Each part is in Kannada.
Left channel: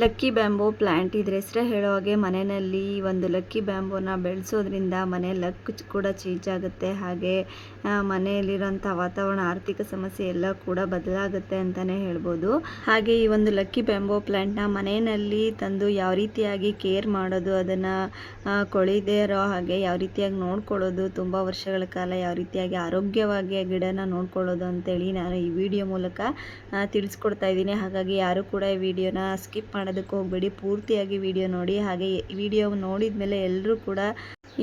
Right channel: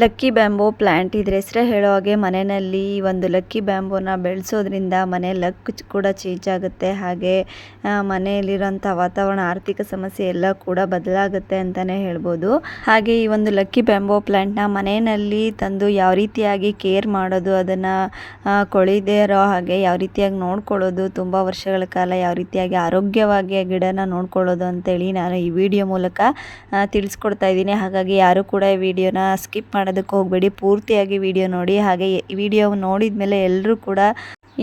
ಲಕ್ಕಿ ಬ್ಯಾಂಬೋ ಪ್ಲ್ಯಾಂಟ್ ಇದ್ರ ಹೆಸರೇ ಹೇಳೋ ಹಾಗೆ ಮನೆಯಲ್ಲಿ ಒಂದು ಲಕ್ಕಿ ಬ್ಯಾಂಬೋನ ಬೆಳೆಸೋದ್ರಿಂದ ಮನೆ ಲಕ್ ಕೂಡ ಚೇಂಜ್ ಆಗುತ್ತೆ. ಹಾಗೆ ಮನೆಯಲ್ಲಿರೋಂಥ ವಾತಾವರಣ, ಆರ್ಥಿಕ ಸಮಸ್ಯೆ ಎಲ್ಲ ಕೂಡ ಬದಲಾಗುತ್ತೆ ಅಂತಲೇ ಹೇಳ್ಬೋದು. ಹಾಗೆ ಈ ಒಂದು ಲಕ್ಕಿ ಬ್ಯಾಂಬೋ ಪ್ಲ್ಯಾಂಟ್ನ ಮನೆಯಲ್ಲಿ ತಂದು ಯಾವ ರೀತಿಯಾಗಿ ಕೇರ್ ಮಾಡೋದು, ಅದನ್ನು ಕೊಳಿದೇ ಇರೋ ಹಾಗೆ ಯಾವ ರೀತಿಯಾಗಿ ನೋಡ್ಕೊಳ್ಳೋದು, ತುಂಬ ವರ್ಷಗಳ ಕಾಲ ಯಾವ ರೀತಿಯಾಗಿ ಆರೋಗ್ಯವಾಗಿ ಗಿಡನ ನೋಡ್ಕೊಳ್ಳೋದು ಅಂತೇಳಿ ನಾನು ಈ ವಿಡಿಯೋ ಮೂಲಕ ತಿಳಿಸ್ಕೊಡ್ತಾ ಇದ್ದೀನಿ. ಹಾಗಾಗಿ ಯಾರು ಕೂಡ ಈ ವಿಡಿಯೋನ ಸ್ಕಿಪ್ ಮಾಡೋದಕ್ಕೆ ಹೋಗಬೇಡಿ. ಪೂರ್ತಿಯಾಗಿ ವಿಡಿಯೋ ನೋಡಿ. ಹಾಗೆ ವಿಡಿಯೋ ನೋಡಿದ ಮೇಲೆ ಎಲ್ಲರೂ ಕೂಡ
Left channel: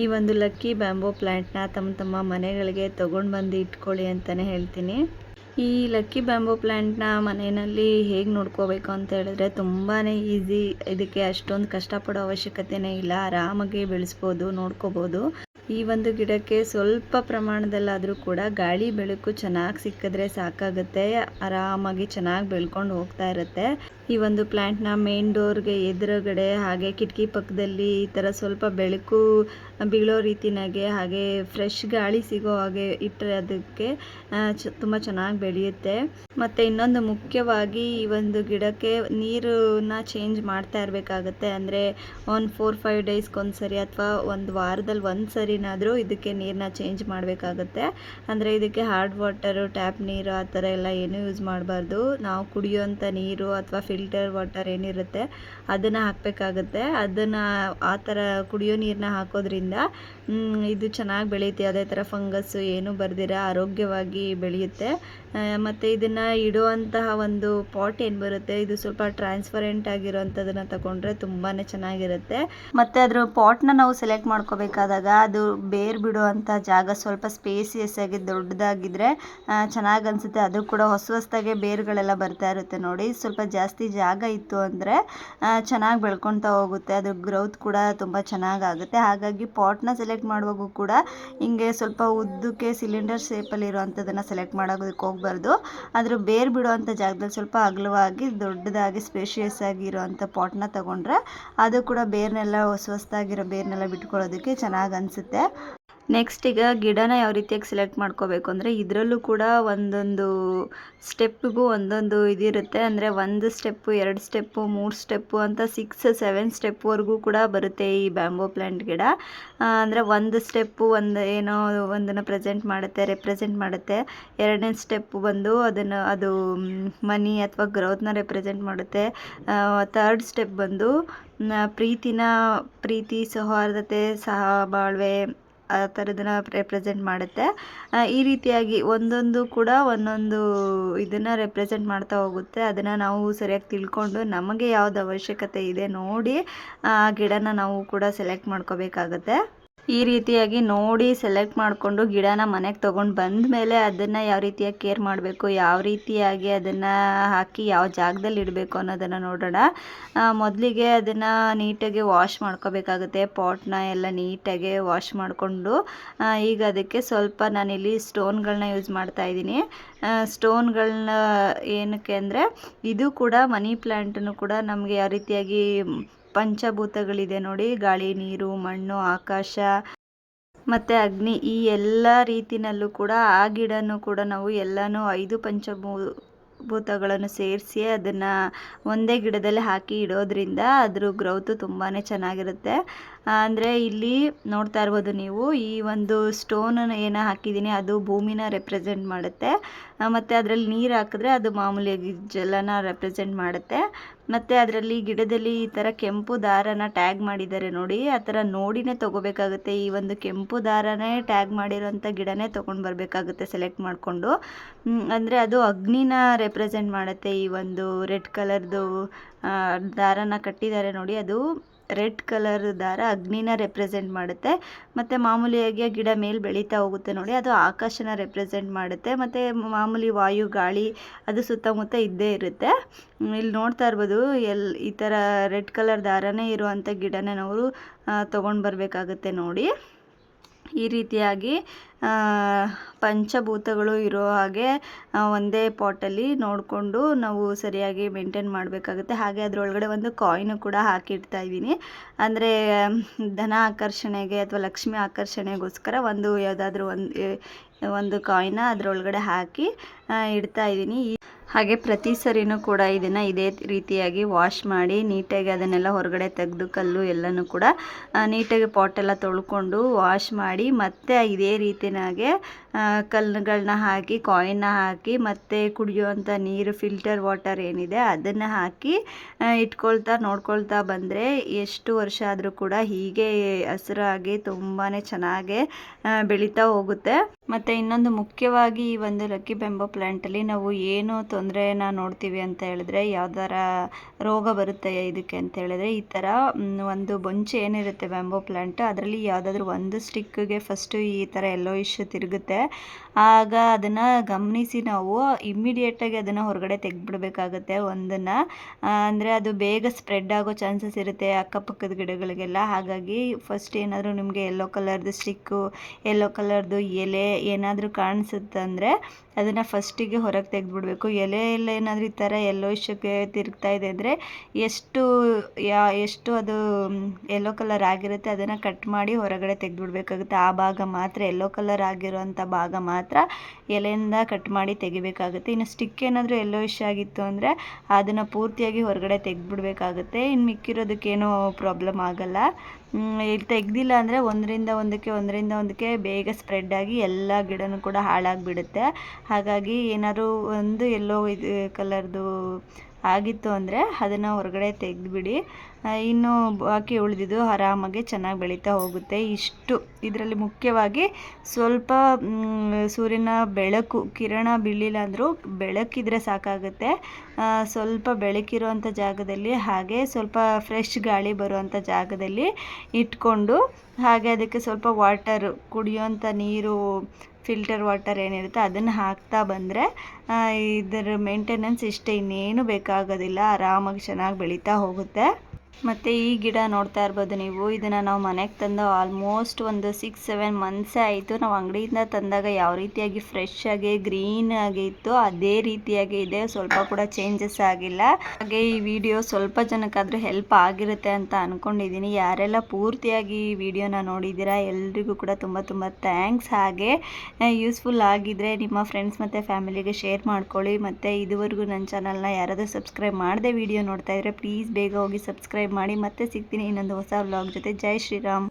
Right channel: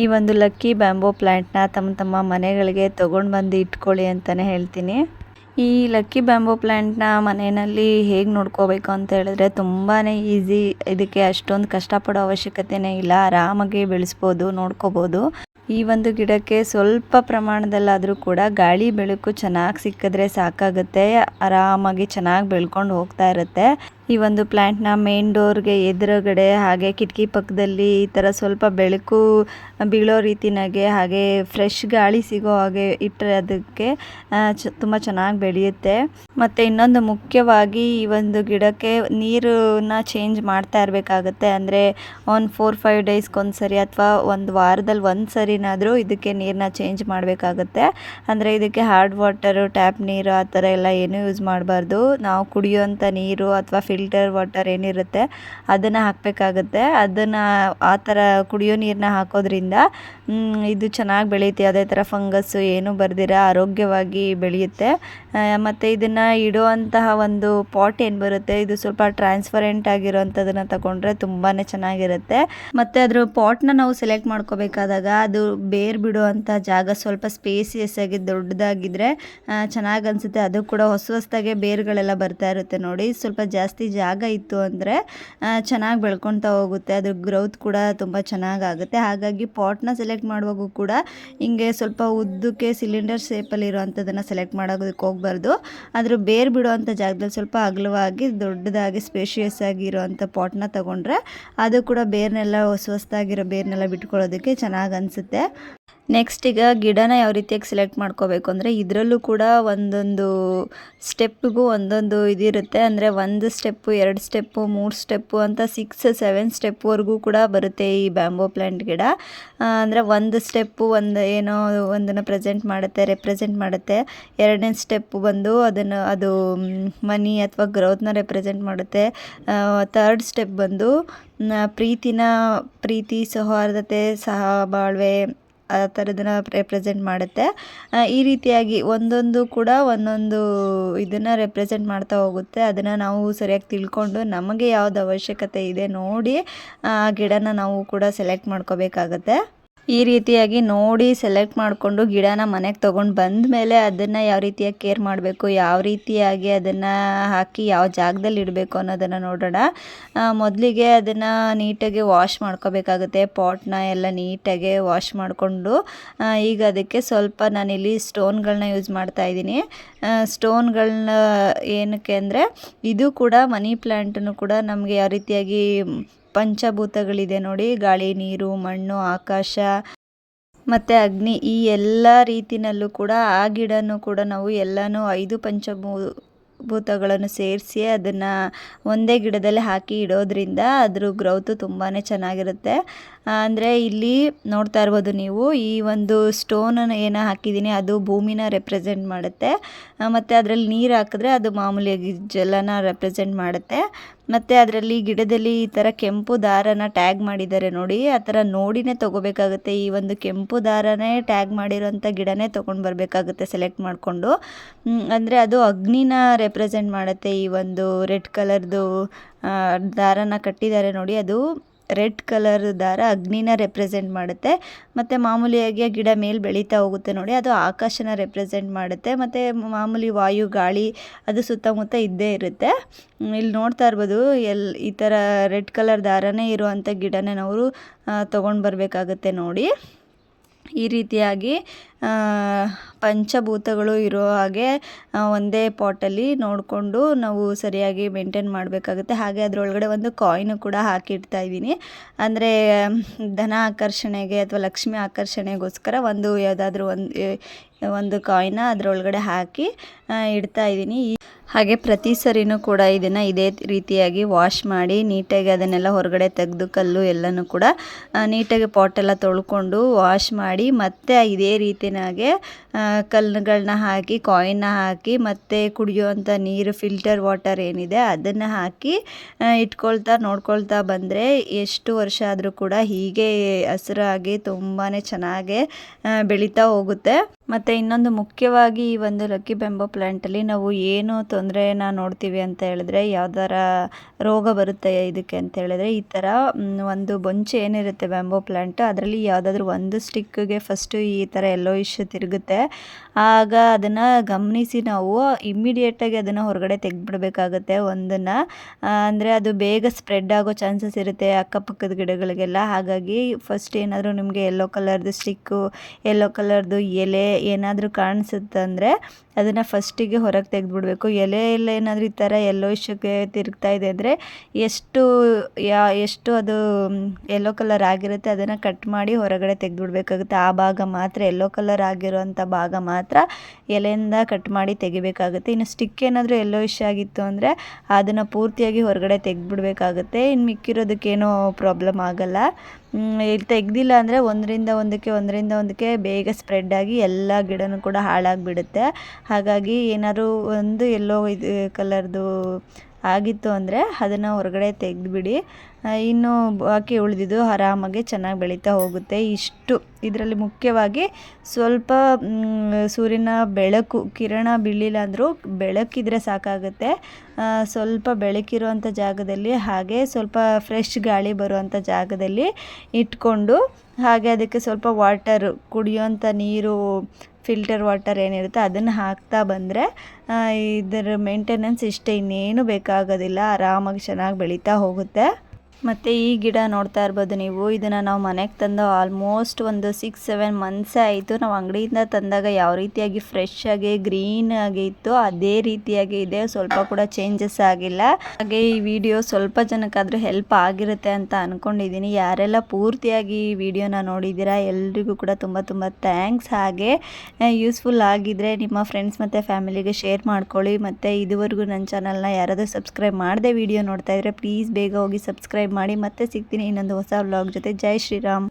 ಈ ಒಂದು ಲಕ್ಕಿ ಬ್ಯಾಂಬೋ ಪ್ಲ್ಯಾಂಟ್ನ ತಮ್ಮ ತಮ್ಮ ಮನೆಗಳಿಗೆ ತೊಗೊಂಡು ಬಂದು ಇಟ್ಕೊಳ್ಳಿ ಅಂತಲೇ ಹೇಳ್ತೀನಿ. ಈ ಲಕ್ಕಿ ಬ್ಯಾಂಬೋ ಪ್ಲ್ಯಾಂಟ್ನ ಮನೆಯಲ್ಲಿ ಹೇಗೆ ನೋಡ್ಕೋಬೇಕು ಅಂತ ಹೇಳಿದ್ರೆ ತುಂಬಾ ಈಸಿ ಇದಕ್ಕೆ ಅಷ್ಟೊಂದು ಕಷ್ಟಪಡೋ ಅವಶ್ಯಕತೆನೇ ಇಲ್ಲ. ಆರಾಮಾಗಿ ಬೆಳೆಸ್ಬೋದು, ನೋಡ್ಕೋಬೋದು. ಈ ಒಂದು ಗಿಡಕ್ಕೆ ಸ್ವಲ್ಪ ಪ್ರಮಾಣದಲ್ಲಾದರೂ ಕೂಡ ಗಾಳಿ ಬೆಳಕು ಚೆನ್ನಾಗಿ ಸಿಕ್ಕಿದ್ರೆ ಸಾಕಾಗುತ್ತೆ. ಆರಾಮಾಗಿ ಚೆನ್ನಾಗಿ ಬೆಳ್ಕೊಂಡು ಹೋಗ್ತಾ ಇರುತ್ತೆ. ಈ ಒಂದು ಪ್ಲಾಂಟ್ನ ಮೇನ್ ಡೋರ್ಗೆ ಎದುರುಗಡೆ ಹಾಗೆ ಕಿಟಕಿ ಪಕ್ಕದಲ್ಲಿ ಈ ತರ ಸ್ವಲ್ಪ ಬೆಳಕು ಬೀಳೋ ರೀತಿನಾಗೆ ಹಾಗೆ ಫ್ರೆಶ್ ಗಾಳಿ ಸಿಗೋ ಹಾಗೆ ಇಟ್ಟರೆ ಅದಕ್ಕೆ ತುಂಬಾ ಚೆನ್ನಾಗಿ ಬೆಳೆಯುತ್ತೆ. ಮತ್ತೆ ಇನ್ನೊಂದು ಮುಖ್ಯವಾಗಿ ಈ ಒಂದು ಗಿಡಕ್ಕೆ ನೀರನ್ನ ಚೇಂಜ್ ಮಾಡ್ತಾ ಇರಬೇಕಾಗುತ್ತೆ. ಅಂದರೆ ಒಂದು ಫೋರ್ ಫೈವ್ ಒಂದು ಸರಿ ಅಥವಾ ಒಂದು ವಾರದಲ್ಲಿ ಒಂದು ಸರಿನಾದರೂ ಇದಕ್ಕೆ ನೀರನ್ನ ಚೇಂಜ್ ಮಾಡಬೇಕಾಗುತ್ತೆ. ಅಂದರೆ ಇದಕ್ಕೆ ಹಾರ್ಡ್ ವಾಟರು ಟ್ಯಾಪ್ ನೀರು ಆ ಥರ ಎಲ್ಲ ಏನೂ ಯೂಸ್ ಮಾಡಬಾರ್ದು. ನಾವು ಕುಡಿಯುವಂಥ ನೀರು ಅಥವಾ ಫಿಲ್ಟರ್ ವಾಟರ್ ಏನಿರುತ್ತೆ ಅದನ್ನು ಹಾಕಬೇಕಾಗುತ್ತೆ. ಅದನ್ನು ಆ ಥರ ಕುಡಿಯೋ ನೀರನ್ನ ಹಾಕೋದ್ರಿಂದ ಇದು ಚೆನ್ನಾಗಿ ಬೆಳೆಯುತ್ತೆ ಅದೇ ಥರ ಫಂಗಸ್ಸು ಏನೂ ಬರ್ದಿರ, ಆರೋಗ್ಯವಾಗಿ ಬೆಳೆಯುತ್ತೆ. ಮತ್ತು ಇದನ್ನು ಇಡುವಂತಹ ಒಂದು ಪಾಟ್ ಏನು ಬರುತ್ತೆ, ಇದು ಸ್ವಲ್ಪ ಟ್ರಾನ್ಸ್ಪರೆಂಟ್ ಆಗಿರೋವಂಥದ್ದನ್ನು ತಗೊಂಡ್ರೆ ತುಂಬಾ ಚೆನ್ನಾಗಿರುತ್ತೆ. ಮತ್ತು ಅದ್ರ ಪಾಟ್ನ ನಾವು ಸೆಲೆಕ್ಟ್ ಮಾಡ್ಕೋಬೇಕಾದಾಗ ಅದು ಬೇರ್ ಬಿಡುವಂಥ ಜಾಗ ಸ್ವಲ್ಪ ಸ್ಪೇಸಿಯಸ್ ಆಗಿ ದೊಡ್ಡದಾಗಿದ್ದರೆ ಚೆನ್ನಾಗಿ ಅನಿಸುತ್ತೆ. ಅದು ಕೂಡ ಹೊಸ ಹೊಸದಾಗೆ ಬೇರುಗಳೆಲ್ಲ ಬರ್ತಾ ಇರುತ್ತೆ ನೋಡಿ. ಸ್ವಲ್ಪ ಜಾಸ್ತಿ ಜಾಗ ಇತ್ತು ಅಂದರೆ ಚೆನ್ನಾಗಿ ಬೆಳ್ಕೊತಾ ಹೋಗುತ್ತೆ. ಅದ್ರ ಗ್ರೌತ್ ಕೂಡ ತುಂಬ ಚೆನ್ನಾಗಾಗುತ್ತೆ ಹಾಗಾಗಿ ಪಾಟ್ನ ಸೆಲೆಕ್ಟ್ ಮಾಡುವಾಗೂ ಕೂಡ ಹಿಂಗೆ ಸ್ವಲ್ಪ ಉದ್ದಕ್ಕೆ ಸಿಲಿಂಡರ್ ಶೇಪಲ್ಲಿ ಇರೋವಂಥದ್ದನ್ನು ಸೆಲೆಕ್ಟ್ ಮಾಡೋದಕ್ಕೆ ಹೋಗ್ಬಾರ್ದು. ಅದ್ರ ಬೇರ್ ಬಿಡುವಂಥ ಜಾಗದಲ್ಲಿ ಸ್ವಲ್ಪ ಅಗಲವಾಗಿ ದೊಡ್ಡದಾಗಿ ಸ್ಪೇಷಿಯಸ್ ಆಗಿರೋವಂಥ ಪಾಟ್ನ ತಗೊಂಡ್ರೆ ಅದು ಕೂಡ ಬೇರ್ನೆಲ್ಲ ಹೊಸ ಹೊಸದಾಗಿರೋ ಬೇರ್ನೆಲ್ಲ ಬಿಟ್ಕೊಳ್ಳೋದಕ್ಕೆ ಚೆನ್ನಾಗಿ ಅನಿಸುತ್ತೆ. ನೆಕ್ಸ್ಟ್ ಈಗ ಗಿಡನ ಯಾವ ರೀತಿಯಾಗಿ ಸೆಲೆಕ್ಟ್ ಮಾಡ್ಕೋಬೇಕು ಅಂದರೆ ಇದರಲ್ಲೂ ಕೂಡ ಒಂದೊಂದು ಸ್ಟೆಪ್ಪಿಗೂ ಒಂದೊಂದು ಇದಿರುತ್ತೆ. ಅಂದರೆ ಒಂದು ಸ್ಟೆಪ್ಪು ಎರಡು ಸ್ಟೆಪ್ಪು ಮೂರು ಸ್ಟೆಪ್ಪು ಅಂತ ಸಿಕ್ಸ್ ಸೆವೆನ್ ಸ್ಟೆಪ್ವರೆಗೂ ಕೂಡ ಬರುತ್ತೆ ಈ ಬ್ಯಾಂಬೋ ಪ್ಲ್ಯಾಂಟ್ ಗಿಡ. ಅಂದರೆ ಒಂದು ಸ್ಟೆಪ್ಪು ಒಂದು ಏನೋ ಒಂದನ್ನು ಪ್ರೆಸೆಂಟ್ ಮಾಡುತ್ತೆ ರೆಪ್ರೆಸೆಂಟ್ ಮಾಡುತ್ತೆ. ಎರಡನೇ ಸ್ಟೆಪ್ಪು ಬಂದು ಅದನ್ನು, ಅದು ಮನಿ ಅಥವಾ ಗ್ರೋತ್ನ ರೆಪ್ರೆಸೆಂಟ್ ಮಾಡುತ್ತೆ. ಥರ್ಡ್ ಸ್ಟೆಪ್ ಬಂದು ಪ್ರೀತಿನ, ಪ್ರೀತಿ, ಸೌಹಾರ್ದತೆ, ಸಹಬಾಳ್ವೆ ಆ ಥರದನ್ನ ರೆಪ್ರೆಸೆಂಟ್ ಮಾಡುತ್ತೆ. ಈ ರೀತಿಯಾಗಿ ಒಂದೊಂದು ಕೂಡ ಒಂದೊಂದು ಇದನ್ನು ರೆಪ್ರೆಸೆಂಟ್ ಮಾಡ್ತಾ ಹೋಗುತ್ತೆ. ಅದನ್ನು ನಾವು ಸರಿಯಾಗಿ ತಿಳ್ಕೊಂಡು ನಮಗೆ ಯಾವ್ದು ಅವಶ್ಯಕತೆ ಇದೆ ನೋಡಿ, ಆ, ಗಿಡನ ನಾವು ಕೂಡ ಸೆಲೆಕ್ಟ್ ಮಾಡ್ಕೋಬೇಕಾಗತ್ತೆ. ಈ ರೀತಿಯಾಗಿ ನೋಡಿ ಸೆಲೆಕ್ಟ್ ಮಾಡಿಕೊಂಡು ಗಿಡನ ಮನೆಗೆ ತೊಗೊಂಡು ಬಂದ ಮೇಲೆ ಅದನ್ನು ಯಾವ ರೀತಿಯಾಗಿ ಕೇರ್ ಮಾಡಬೇಕು, ಯಾವ ರೀತಿಯಾಗಿ ಅದನ್ನು ಹಾಕಿ ಯಾವ ಜಾಗದಲ್ಲಿ ಇಡಬೇಕು ಅನ್ನೋದನ್ನು ನೋಡೋಣ. ಮೊದಲಿಗೆ ಅದನ್ನು ನೀಟಾಗಿ ವಾಶ್ ಮಾಡ್ಕೋಬೇಕಾಗುತ್ತೆ. ಪಾಟ್ನ ಎಲ್ಲ ನೀಟಾಗಿ ವಾಶ್ ಮಾಡಿಕೊಂಡು ಈಗ ಅದಕ್ಕೆ ಸ್ವಲ್ಪ ನಾನಿಲ್ಲಿ ಸ್ಟೋನ್ಗಳನ್ನ ಯೂಸ್ ಮಾಡ್ತಾ ಇದ್ದೀನಿ. ಸ್ಟೋನ್ಗಳನ್ನ ಏನಕ್ಕೆ ಅಂದರೆ ಇದು ಕೂಡ ಮನಿ ಪ್ಲ್ಯಾಂಟನ್ನು ಕೂಡ ನಮಗೆ ಯಾವ ರೀತಿಯಾಗಿ ಪಂಚಭೂತಗಳಿದೆ ನೋಡಿ. ಗಾಳಿ, ನೀರು, ಮಣ್ಣು, ಆಕಾಶ ಮತ್ತು ಅಗ್ನಿ ಈ ಎಲ್ಲ ರೀತಿನಲ್ಲೂ ಕೂಡ ಆ ಗಿಡನೂ ಕೂಡ ನಾವು ಎಲ್ಲನೂ ಐದು ಪಂಚಭೂ ಭೂತಗಳನ್ನು ಸೇರಿಸಿ ಅದನ್ನು ಒಂದೇ ಗಿಡದಲ್ಲಿ ಹಾಕಿ ಇಡೋದ್ರಿಂದ ಅದ್ರ ಗ್ರೌತು ತುಂಬಾ ಚೆನ್ನಾಗಿರುತ್ತೆ. ಅಂದರೆ ಇಲ್ಲಿ ನೋಡ್ತಾ ಇರ್ಬೋದು ನೀವು, ಈ ಒಂದು ಸ್ಟೋನನ್ನು ಏನು ಹಾಕಿದ್ದೀನಿ ಅದು ಭೂಮಿನ ರೆಪ್ರೆಸೆಂಟ್ ಮಾಡುತ್ತೆ. ಮತ್ತು ಅದರಲ್ಲಿ ನೀರು ಹಾಕಿದ್ರೆ ಅದು ಮಾಮೂಲಿಯಾಗಿ ಜಲನ ರೆಪ್ರೆಸೆಂಟ್ ಮಾಡುತ್ತೆ. ಮತ್ತು ಅದರಲ್ಲಿ ಗಿಡದಲ್ಲಿ ಈ ಥರ ಕೆಂಪು ದಾರನ ಟ್ಯಾಗ್ ಮಾಡಿದ್ದಾರೆ ನೋಡಿ, ಆ ಥರ ನೋಡಿನೇ ತೊಗೋಬೇಕಾಗುತ್ತೆ. ಈ ಒಂದು ಕೆಂಪು ದಾರನೇ ಟ್ಯಾಗ್ ಮಾಡಿರೋಂಥ ಗಿಡನೇ ತೊಗೊಂಡು ಬರಬೇಕಾಗುತ್ತೆ ಸೆಲೆಕ್ಟ್ ಮಾಡಿಕೊಂಡು. ಅಂದರೆ ಅದು ಅಗ್ನಿನ ರೆಪ್ರೆಸೆಂಟ್ ಮಾಡುತ್ತೆ. ಈ ಒಂದು ರೆಡ್ ಕಲರ್ದು ದಾರನ ಕಟ್ಟಿದ್ದಾರೆ ನೋಡಿ, ಅದು ರೆಡ್ ಕಲರ್ ದಾರ ಅಗ್ನಿನ ರೆಪ್ರೆಸೆಂಟ್ ಮಾಡುತ್ತೆ. ಮತ್ತು ಮಾಮೂಲಿಯಾಗಿ ಗಿಡ ಮೇಲೆ ಬೆಳೀತಾ ಹೋಗುತ್ತೆ ನೋಡಿ, ಅದು ಆಕಾಶನ ರೆಪ್ರೆಸೆಂಟ್ ಮಾಡುತ್ತೆ. ಮತ್ತು ಮಾಮೂಲಿ ವಾಯು, ಗಾಳಿ, ಅದು ಸುತ್ತಮುತ್ತ ಇದ್ದೇ ಇರುತ್ತೆ. ಇಲ್ಲಿ ನೋಡ್ತಾ ಇರ್ಬೋದು, ಎಲ್, ಈ ಥರ ರೆಡ್ ಕಲರ್ ದಾರನೇ ಇರುವಂಥ ಗಿಡನ ನಾವು ತೊಗೊಂಡು ಬರಬೇಕಾಗುತ್ತೆ ನೋಡಿ. ಈ ರೀತಿಯಾಗಿ ಪಂಚಭೂತಗಳು ಇರೋ ಹಾಗೆ ಒಂದೇ ಪಾಟಲ್ಲಿ ನೋಡಿಕೊಂಡು ನಾವು ಸರಿಯಾಗಿ ಮೇಂಟೈನ್ ಮಾಡಬೇಕಾಗುತ್ತೆ. ಹಾಗೆ ಅದರೊಳಗಡೆ ಒಂದು ಕಾಯಿನು ಕೂಡ ಹಾಕಿಡ್ತಾ ಇದ್ದೀನಿ. ಅಂದರೆ, ಧನ ಆಕರ್ಷಣೆಗೆ ಅಥವಾ ಲಕ್ಷ್ಮಿ ಆಕರ್ಷಣೆಗೋಸ್ಕರ ಒಂದು ಯಾವುದಾದ್ರೂ ಒಂದು ಒಂದು ಕಾಯಿನ ಅದರೊಳಗಡೆ ಹಾಕಿ ಇಡ್ತಾ ಇದ್ದೀನಿ. ಈ ಹಾಗೆ ಪ್ರತಿ ಸರಿನೂ ಕೂಡ ಇದನ್ನು ಇದೇ ರೀತಿಯಾಗಿ ವಾಶ್ ಮಾಡಿ ನೀಟಾಗಿ ಅದನ್ನೆಲ್ಲ ಹೊರಗಡೆ ತೆಗೆದು ಕಲ್ಲು ಎಲ್ಲನೂ ಕೂಡ ನೀಟಾಗಿ ಪಾಟೆಲ್ಲ ತೊಳ್ಕೊಂಡು ವಾಶ್ ಮಾಡಿ ಮತ್ತೆ ಇದೇ ರೀತಿಯಾಗೆ ಕಲ್ಲುಗಳನ್ನ ಹಾಕಿ ಕಾಯಿನ್ನ ಹಾಕಿ ಮತ್ತು ಕುಡಿಯುವಂಥ ನೀರು ಫಿಲ್ಟರ್ ವಾಟರ್ ಏನಿದೆ ಅದನ್ನು ಹಾಕಿ ಇಟ್ಕೊಳ್ತಾ ನೋಡ್ಕೊಳ್ತಾ ಬಂದರೆ ಎಷ್ಟು ವರ್ಷ ಆದರೂ ಕೂಡ ಹೀಗೆ ಹಸಿರಾಗಿ ತುಂಬಾ ಚೆನ್ನಾಗೆ ಬೆಳೀತಾ ಹೋಗುತ್ತೆ. ಮತ್ತು ಇನ್ನೊಂದು ಮುಖ್ಯವಾಗಿ ಈ ಒಂದು ಲಕ್ಕಿ ಬೆಂಬೋ ಪ್ಲ್ಯಾಂಟಲ್ಲಿ ನಾವು ಏನು ತೊಂದರೆನ ನೋಡ್ತೀವಿ ಅಂತ ಹೇಳಿದ್ರೆ ಯಾವ್ದಾರ ರೋಗ ಬರುತ್ತೆ ಇದಕ್ಕೆ ಅಂತ ಹೇಳಿದ್ರೆ ಈ ಥರ ಒಂದು ಬೊಂಚು ಏನಿರುತ್ತೆ ಬ್ಯಾಂಬೋ ಪ್ಲ್ಯಾಂಟ್ ಅದರಲ್ಲಿ ಯಾವುದಾದ್ರೂ ಒಂದು ಸ್ಟಿಕ್ಗೆ ಫಸ್ಟು ಈ ಥರ ಎಲ್ಲೋ ಇಶ್ಯೂ ತಿರುಗುತ್ತೆ. ಆಗ ಅದನ್ನು ಗಮನಿಸಿ ನಾವು ಇಮ್ಮಿಡಿಯೇಟಾಗಿ ಅದನ್ನು ಹೊರಗಡೆ ತೆಗೆದ್ಬಿಡ್ಬೇಕಾಗತ್ತೆ ಒಂದನ್ನು. ಅಂದರೆ ಅದು ಬೇಗ ಸ್ಪ್ರೆಡ್ ಆಗೋ ಚಾನ್ಸಸ್ ಇರುತ್ತೆ ಅಕ್ಕಪಕ್ಕದ ಗಿಡಗಳಿಗೆಲ್ಲ. ಹಾಗಾಗಿ ಫಸ್ಟ್ ಏನಾದರೂ ನಿಮಗೆ ಯೆಲ್ಲೋ ಕಲರ್ದು ಸ್ಟಿಕ್ಕು ಯೆಲ್ಲೋ ಕಲರ್ದು ಎಲೆ ಏನಾದರೂ ಕಾಣಿಸುತ್ತಂದರೆ ಅದನ್ನು ಫಸ್ಟಿಗೆ ಹೊರಗೆ ತೆಗೆದ್ಬಿಡ್ಬೇಕು. ಎಲೆ ಎಲ್ಲ ಏನಾದರೂ ಈ ಥರ ಎಲ್ಲೋ ಇಶ್ಯೂಗೆ ತಿರುಗ್ತಾ ಇದೆ ಅಂದರೆ ಎಷ್ಟು, ಯಾ, ಎಷ್ಟು ಅದು ಯೆಲ್ಲೋ ಕಲರ್ ಆಗಿರುತ್ತೆ ಅದನ್ನು ಕಟ್ ಮಾಡಿ ಹೊರಗಡೆ ತೆಗೆದ್ಬಿಡ್ಬೇಕಾಗುತ್ತೆ. ಆ ಭಾಗ ಮಾತ್ರ ಎಲ್ಲೋ ಕಲರ್ ಆಗಿರೋಂಥ ಭಾಗ ಮಾತ್ರ. ಎಲೆಯಿಂದ ಕಟ್ ಮಾಡಿ ತೆಗಿಬೇಕಾಗುತ್ತೆ. ಇನ್ನು ಸ್ಟಿಕ್ ಏನಾದರೂ ಎಲ್ಲೋ ಇಶ್ ಆಗಿತ್ತು ಅಂದರೆ ಅದನ್ನು ಪೂರ್ತಿಯಾಗಿ ಹೊರಗಡೆ ತೆಗೆದ್ಬಿಡ್ಬೇಕಾಗುತ್ತೆ. ಇನ್ನು ಮಿಕ್ಕಿರೋದಕ್ಕೇನೂ ಪ್ರಾಬ್ಲಮ್ ಆಗಲ್ಲ. ತೆಗ್ದಿಲ್ಲ ಅಂದರೆ ಒಂದರಿಂದ ಒಂದಕ್ಕೆ ಒಂದರಿಂದ ಒಂದಕ್ಕೆ ಬೇಗ ಸ್ಪ್ರೆಡ್ ಆಗಿ ಎಲ್ಲ ಗಿಡನೂ ಕೂಡ ಹಾಳಾಗಿಬಿಡುತ್ತೆ. ಹಾಗಾಗಿ ಏನಾದರೂ ಒಂದು ಎಲ್ಲೋ ಇದು ಕಲರ್ದು ಆಗಿತ್ತು ಅಂದರೆ ಅದನ್ನು ಹೊರಗಡೆ ತೆಗೆದ್ಬಿಡಿ. ಇನ್ನು ಬಾಕಿ ಉಳಿದಿದ್ದು ಆರಾಮಾಗಿ ಚೆನ್ನಾಗಿ ಬೆಳೀತಾ ಹೋಗುತ್ತೆ. ಇಷ್ಟು. ಇದರಲ್ಲಿ ಮುಖ್ಯವಾಗಿ ಸ್ವಲ್ಪ ಸೂರ್ಯನ ಬೆಳಕು, ಕಿರಣ ಬೀಳಿಲ್ಲ ಅಂದರೂ ಬೆಳಕಿದ್ರೆ ಸಾಕಾಗುತ್ತೆ. ಸ್ವಲ್ಪ ಬೆಳಕಿರುವಂಥ ಜಾಗದಲ್ಲಿ ಹಾಗೆ ಸ್ವಲ್ಪ ಫ್ರೆಶ್ ಗಾಳಿ ಬರುವಂಥ ಜಾಗದಲ್ಲಿ ಇಟ್ಕೊಂಡು ಹಾಗೆ ಅದಕ್ಕೆ ಸ್ವಲ್ಪ ವಾಟರ್ ಕುಡಿಯೋಂಥ ನೀರು, ಫಿಲ್ಟರ್ ವಾಟರ್ ಏನಿರುತ್ತೆ ಅದನ್ನು ಹಾಕ್ತಾ ಬಂದರೆ ಇದರ ಮೇಂಟೆನೆನ್ಸ್ ಇಷ್ಟೇ ಇನ್ನೇನು ಬೇಕಾಗೋದಿಲ್ಲ. ಆರಾಮಾಗಿ ಚೆನ್ನಾಗಿ ಬೆಳೀತಾ ಹೋಗುತ್ತೆ. ಮತ್ತು ಈ ಗಿಡ ನೋಡ್ತಾ ಇರ್ಬೋದು ನೀವು. ಇದನ್ನು ನಾವು ಮನೆಗೆ ತಂದು ಆಲ್ಮೋಸ್ಟ್ ಒಂದು ಸಿಕ್ಸ್ ಸೆವೆನ್ ಮಂತ್ಸೇ ಆಯಿತು. ನಾವು ಅಂಗಡಿಯಿಂದ ತಂದಾಗ ಯಾವ ರೀತಿಯಾಗಿ ಫ್ರೆಶ್ ಆಗಿ ಗ್ರೀನ್ ಆಗಿ ಇತ್ತು, ಅದೇ ರೀತಿಯಾಗಿ ಇದೆ. ಸ್ವಲ್ಪ ಕೂಡ ಚೇಂಜಸ್ ಆಗಿಲ್ಲ. ಹಾಗೆ ಈ ವಿಡಿಯೋ ಸ್ವಲ್ಪ ಜನಕ್ಕಾದರೂ ಹೆಲ್ಪ್ ಆಗಿರುತ್ತೆ ಅಂತ ಅಂದ್ಕೊಂಡಿದ್ದೀನಿ ಯಾರೆಲ್ಲ ಪೂರ್ತಿಯಾಗಿ ಈ ವಿಡಿಯೋನ ನೋಡಿದ್ದೀರಾ ಎಲ್ರಿಗೂ ಕೂಡ ತುಂಬ ತುಂಬ ಥ್ಯಾಂಕ್ಸ್ ಹಾಗೆ ಯೂಸ್ಫುಲ್ ಆಗಿದ್ದರೆ ನಿಮ್ಮ ಫ್ರೆಂಡ್ಸ್ ಮತ್ತು ಫ್ಯಾಮಿಲಿಗೆ ಶೇರ್ ಮಾಡ್ಕೊಳ್ಳಿ. ಮತ್ತು ಇದುವರೆಗೂ ನನ್ನ ಚಾನಲ್ನ ಯಾರಾದರೂ ಸಬ್ಸ್ಕ್ರೈಬ್ ಮಾಡದೆ ವಿಡಿಯೋ ನೋಡ್ತಾ ಇದ್ದರೆ ಪ್ಲೀಸ್ ಬೇಗ ಹೋಗಿ ಸಬ್ಸ್ಕ್ರೈಬ್ ಮಾಡಿ ಮತ್ತೆ ಸಿಗ್ತೀನಿ ಇನ್ನೊಂದು ಹೊಸ ವ್ಲಾಗ್ ಜೊತೆ. ಜೈ ಶ್ರೀರಾಮ್.